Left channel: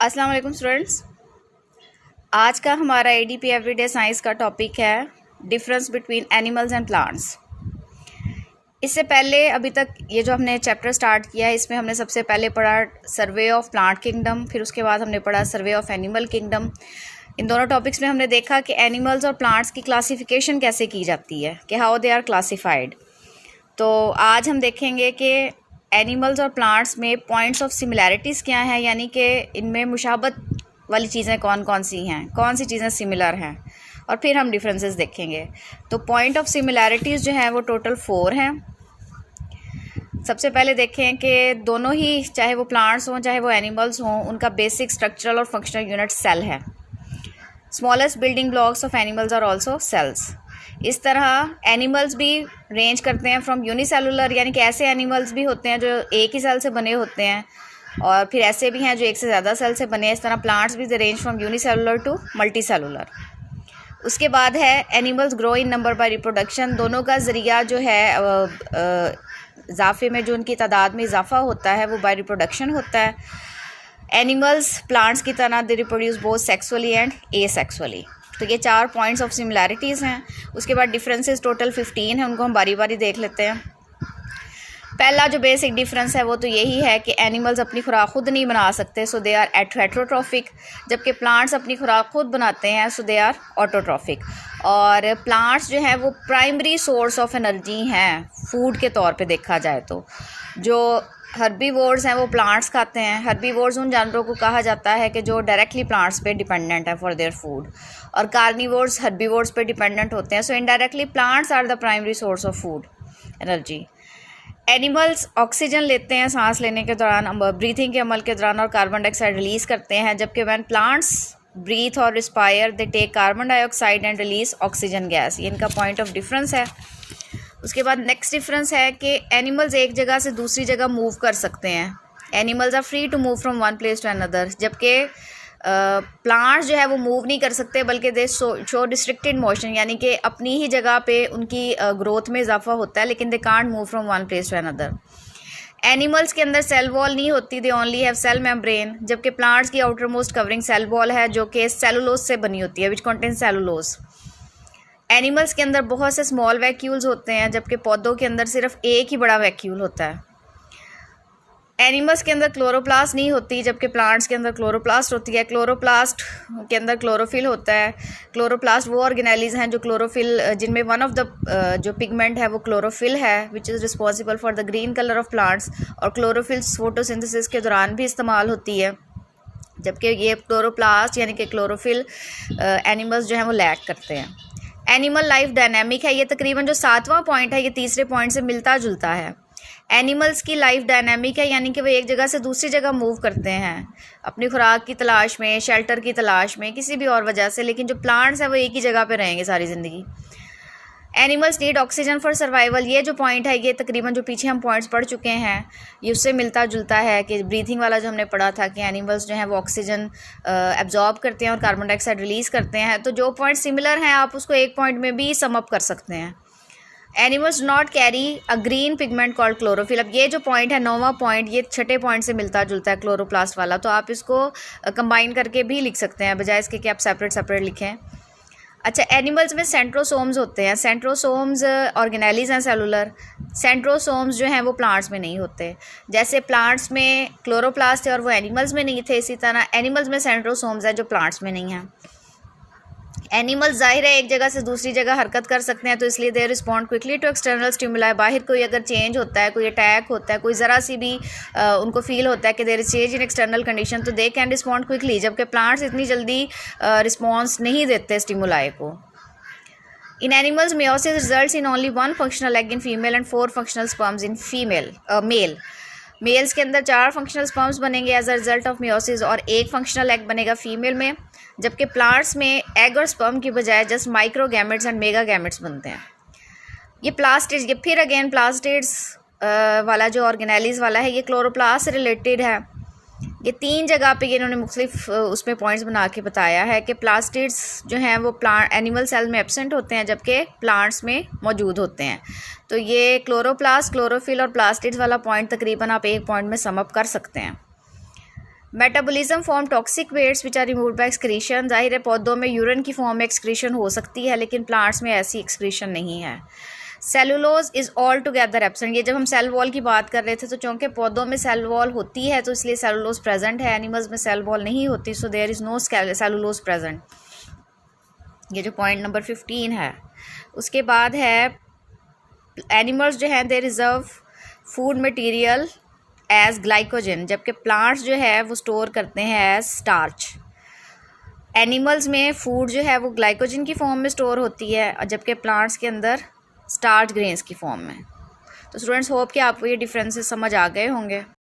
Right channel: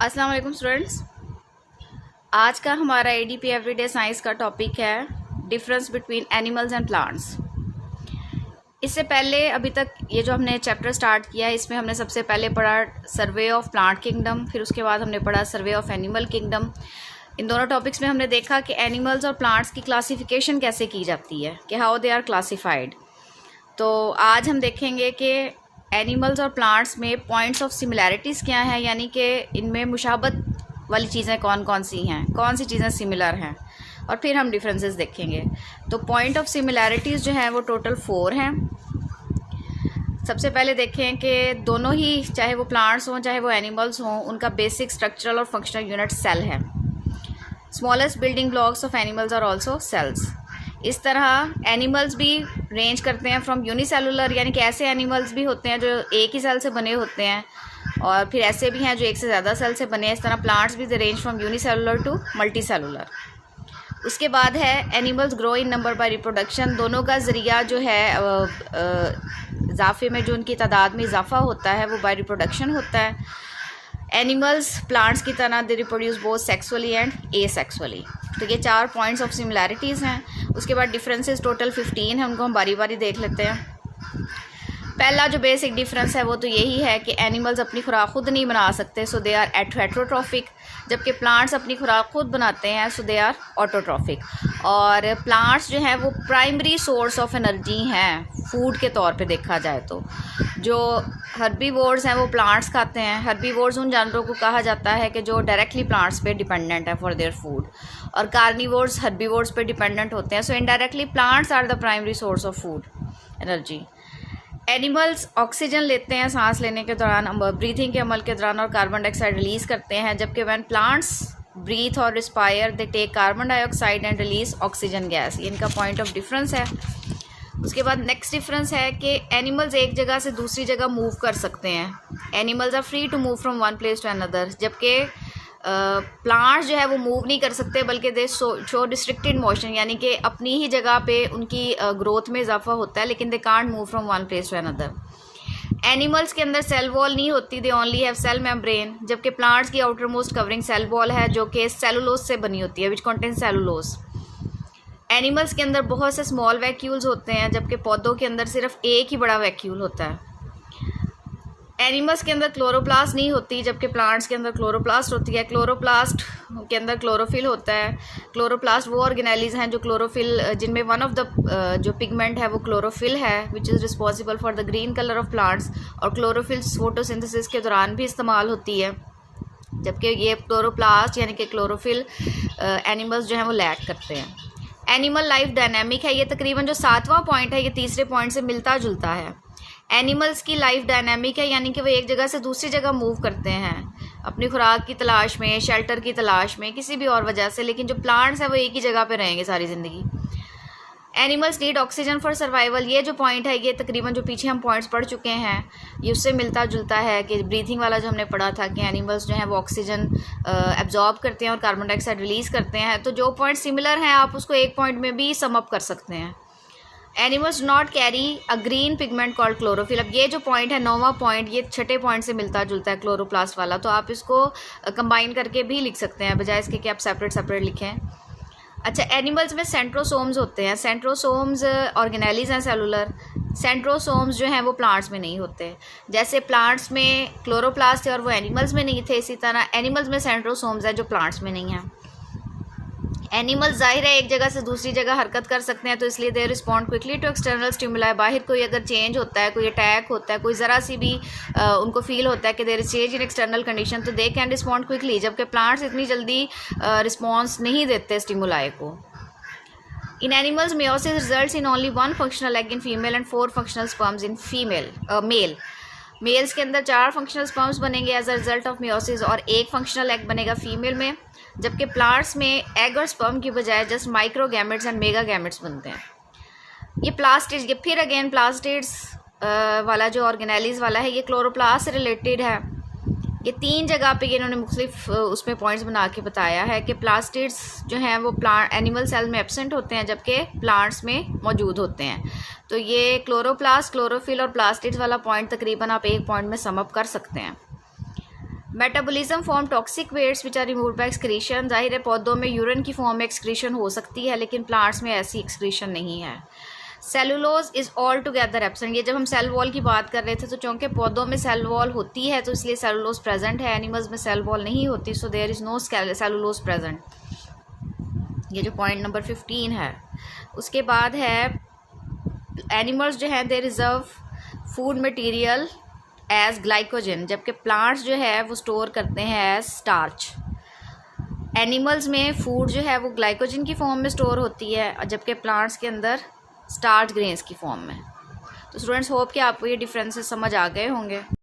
अस्सलाम वालेकुम स्टूडेंट्स। आज का हमारा एडीपी एवरीडे साइंस का टॉपिक है difference between animals and plants. इससे पहले अभी तक ये जो हमने चैप्टर स्टार्ट किया है इसमें हमने सबसे पहले पढ़ा सर्वे ऑफ प्लांट किंगडम, फिर उसके बाद हमने पढ़ा सर्वे ऑफ एनिमल किंगडम। इन दोनों टॉपिक्स में हमने देखा कि एनिमल्स और प्लांट्स की क्लासिफिकेशन कैसे की जाती है, कि हाउ दे आर क्लासिफाइड। तो आज हम देखेंगे कि एनिमल्स और प्लांट्स में पॉइंट्स ऑफ सिमिलैरिटीज़ क्या हैं, यानी कि इनमें मुशाबत वाली चीज़ें कौन कौन सी हैं, कौन सी चीज़ें सिमिलर हैं, और फिर हम डिफरेंसेस देखेंगे। तो पॉइंट ऑफ सिमिलैरिटीज़ जो हैं वो टोटल 4 हैं। सबसे पहले देखें कि दोनों ही, चाहे वो प्लांट्स हों चाहे वो एनिमल्स हों, उनका बेसिक स्ट्रक्चरल और फंक्शनल यूनिट सेल है। Smallest building blocks of animals are also cells. इस तरह एनिमल्स भी रेंज करते हैं फ्रॉम यूनिसेलुलर, यानी कि ऐसे एनिमल्स भी होते हैं जो एक ही सेल से बने होते हैं, और फिर ऐसे भी हैं जो एक से ज़्यादा सेल से बने हैं। इस तरह प्लांट्स भी they range from unicellular to multicellular. उसके बाद है animals grow in number by reproduction. दोनों का ज़रिया जो है इजाफे में, जो उनकी तादाद में इजाफा होता है वो बाय रिप्रोडक्शन होता है। एनिमल्स प्लांट्स की तरह they reproduce both sexually and asexually. तो ये 4 पॉइंट्स ऑफ सिमिलैरिटीज़ हैं। उसके बाद डिफरेंसेस टोटल 15 हैं, उनको हम बारी बारी देख लेते हैं। पहला जो बेसिक डिफरेंस है वो तो यही है कि एनिमल्स अपनी खुराक खुद नहीं बना सकते, सो दे आर हेटरोट्रॉफिक, जबकि प्लांट्स अपनी खुराक खुद बनाते हैं, सो दे आर ऑटोट्रॉफिक। और प्लांट्स जो हैं वो प्राइमरी सोर्स ऑफ एनर्जी हैं फूड के तौर पे देखा जाए तो। जो हर्बीवोर्स हैं वो प्लांट्स खाते हैं। हर्बीवोर्स उन जानवरों को कहा जाता है कि जो डायरेक्टली प्लांट्स पे डिपेंडेंट है फॉर देयर फूड, और कार्निवोर्स हर्बीवोर्स पे डिपेंडेंट होते हैं। So indirectly plants are the primary source of food energy. Animals oxygen लेते हैं सांस लेने के दौरान, ब्रीथिंग के अमल के दौरान, और कार्बन डाइऑक्साइड रिलीज़ करते हैं, जबकि व्हेन प्लांट्स ब्रीथ और respire they take carbon dioxide and release oxygen gas. ये इनका पॉइंट ऑफ डिफरेंस है। उसके बाद नेक्स्ट डिफरेंस है कि एनिमल्स एक जगह से दूसरी जगह मूव कर सकते हैं। Animals are free to move from one place to another, जबकि प्लांट्स जो है वो मूव नहीं कर सकते, बल्कि दे शो रिस्ट्रिक्टेड मोशन, यानी कि अपनी ही जगह पे उनकी ग्रोथ में इजाफा होता है, लेकिन they can't move from one place to another. Animals के अंदर सेल वॉल नहीं होती, they only have cell membrane, जबकि प्लांट्स की outermost covering cell wall है जो कि सेलुलोज से बनी होती है, विच कंटेन सेलुलोज। एनिमल्स के अंदर बहुत से स्मॉल वैक्यूल्स होते हैं, जबकि पौधों के अंदर सिर्फ एक ही बड़ा वैक्यूल होता है। एनिमल्स के अंदर क्लोरोप्लास्ट नहीं होती, जबकि प्लांट्स के अंदर क्लोरोप्लास्ट होती है। क्लोरोप्लास्ट के अंदर क्लोरोफिल होता है। क्लोरोप्लास्ट वो ऑर्गेनेलिज हैं जो क्लोरोफिल, जिनमें वन ऑफ द जो पिगमेंट है वो क्लोरोफिल है, which is responsible for the green colour of plants, और क्लोरोफिल फोटोसिंथेसिस के दौरान भी इस्तेमाल होती है, जबकि ये क्लोरोप्लास्ट यानी कि क्लोरोफिल एनिमल्स जो हैं वो लैक करते हैं। एनिमल लाइफ डायनेमिक है। ये तकरीबन जो 7वां पॉइंट है ये तीसरे पॉइंट से मिलता जुलता है। एनिमल्स की लाइफ डायनामिक है, यानी कि वो एक जगह से दूसरी जगह मूव करते हैं अपनी खुराक की तलाश में, शेल्टर की तलाश में, किसी भी और वजह से, लेकिन जो प्लांट्स हैं वो एक ही जगह पे रहेंगे सारी ज़िंदगी। Animals need oxygen for survival. ये जो पॉइंट है ये तकरीबन जो पीछे हम पॉइंट्स पढ़ चुके हैं ये उससे मिलता जुलता है, कि ब्रीथिंग वाला जो हमने पढ़ा था कि एनिमल्स जो हैं वो ऑक्सीजन एब्जॉर्ब करते हैं और कार्बन डाइऑक्साइड रिलीज़ करते हैं। तो जो पॉइंट सिमिलर हैं आप उसको एक पॉइंट में भी सम अप कर सकते हैं। Animals not carry a green pigment called chlorophyll. अब ये जो पॉइंट है 9वां पॉइंट, ये छठे पॉइंट से मिलता जुलता है क्लोरोप्लास्ट वाला, तो आप इसको कंबाइन करके भी लिख सकते हैं, बजाय इसके कि आप सेपरेट सेपरेट लिखें। अच्छा, एनिमल्स में सेंट्रोसोम्स होते हैं। सेंट्रोसोम्स ऑर्गेनेलिज हैं सेलुलर। सेंट्रोसोम्स जो हैं वो प्लांट्स में नहीं होते। जैसे प्लांट्स में क्लोरोप्लास्ट थे और वो एनिमल्स में नहीं थे, इसी तरह एनिमल्स में सेंट्रोसोम्स है जो प्लांट्स में नहीं हैं। एनिमल्स जाहिर है एक जगह से दूसरी जगह हरकत कर सकते हैं, तो इसलिए they respond quickly to external stimuli. बाहर कोई अगर चेंज होता है, कोई अटैक होता है, कोई ज़रा सी भी उनको फील होता है कि there is change in external condition, तो दे कैन रिस्पॉन्ड क्विकली, जबकि प्लांट्स इतनी जल्दी रिस्पॉन्स नहीं देते स्टिमुलाई को। In animals meiosis results in only 1 functional egg in female and 4 functional sperms in male. Males के अंदर 4 फंक्शनल स्पर्म्स बनेंगे as a result of meiosis, और 1 फंक्शनल एग बनेगा फीमेल में, जबकि प्लांट्स में एग और स्पर्म की बजाय जस्ट माइक्रोगैमेट्स एंड मेगा गैमेट्स बनते हैं। ये प्लास्टिड्स, ये फिर अगेन प्लास्टिड्स वाला जो ऑर्गेनेलिज वाला है ये क्लोरोप्लास्ट से रिलेटेड है। ये 3 जगह पे ये इन्होंने मुख्तलिफ उसमें पॉइंट्स बना के बताया है कि प्लास्टिड्स जो हैं वो प्लांट एनिमल सेल में एब्सेंट होते हैं, जबकि प्लांट्स में मौजूद होते हैं। तो ये क्लोरोप्लास्ट, क्लोरोफिल और प्लास्टिड्स वाला पॉइंट तकरीबन आप एक पॉइंट में सम अप कर सकते हैं। Metabolism form toxic wastes which are removed by excretion. जाहिर है पौधों में यूरिन की फॉर्म में एक्सक्रीशन हो सकती है, लेकिन प्लांट्स में ऐसी एक्सक्रीशन नहीं है। Cellulose is all together absent. ये जब हम सेल वॉल की बात कर रहे थे तो चूँकि पौधों में सेल वॉल होती है तो इसलिए सेलुलोज प्रेजेंट है, एनिमल्स में सेल वॉल नहीं होती, so there is no cellulose present. ये जो पॉइंट नंबर 15 है। उसके बाद है एनिमल्स जो हैं they reserve food material as glycogen, जबकि प्लांट्स जो है वो स्टोर करते हैं एज स्टार्च। एनिमल्स में फूड जो है वो ग्लाइकोजन की फॉर्म में स्टोर होती है और जबकि प्लांट्स के अंदर स्टार्च ग्रेन्स की फॉर्म में। तो स्टूडेंट्स होप कि आपको ये डिफरेंसेस समझ आ गए होंगे।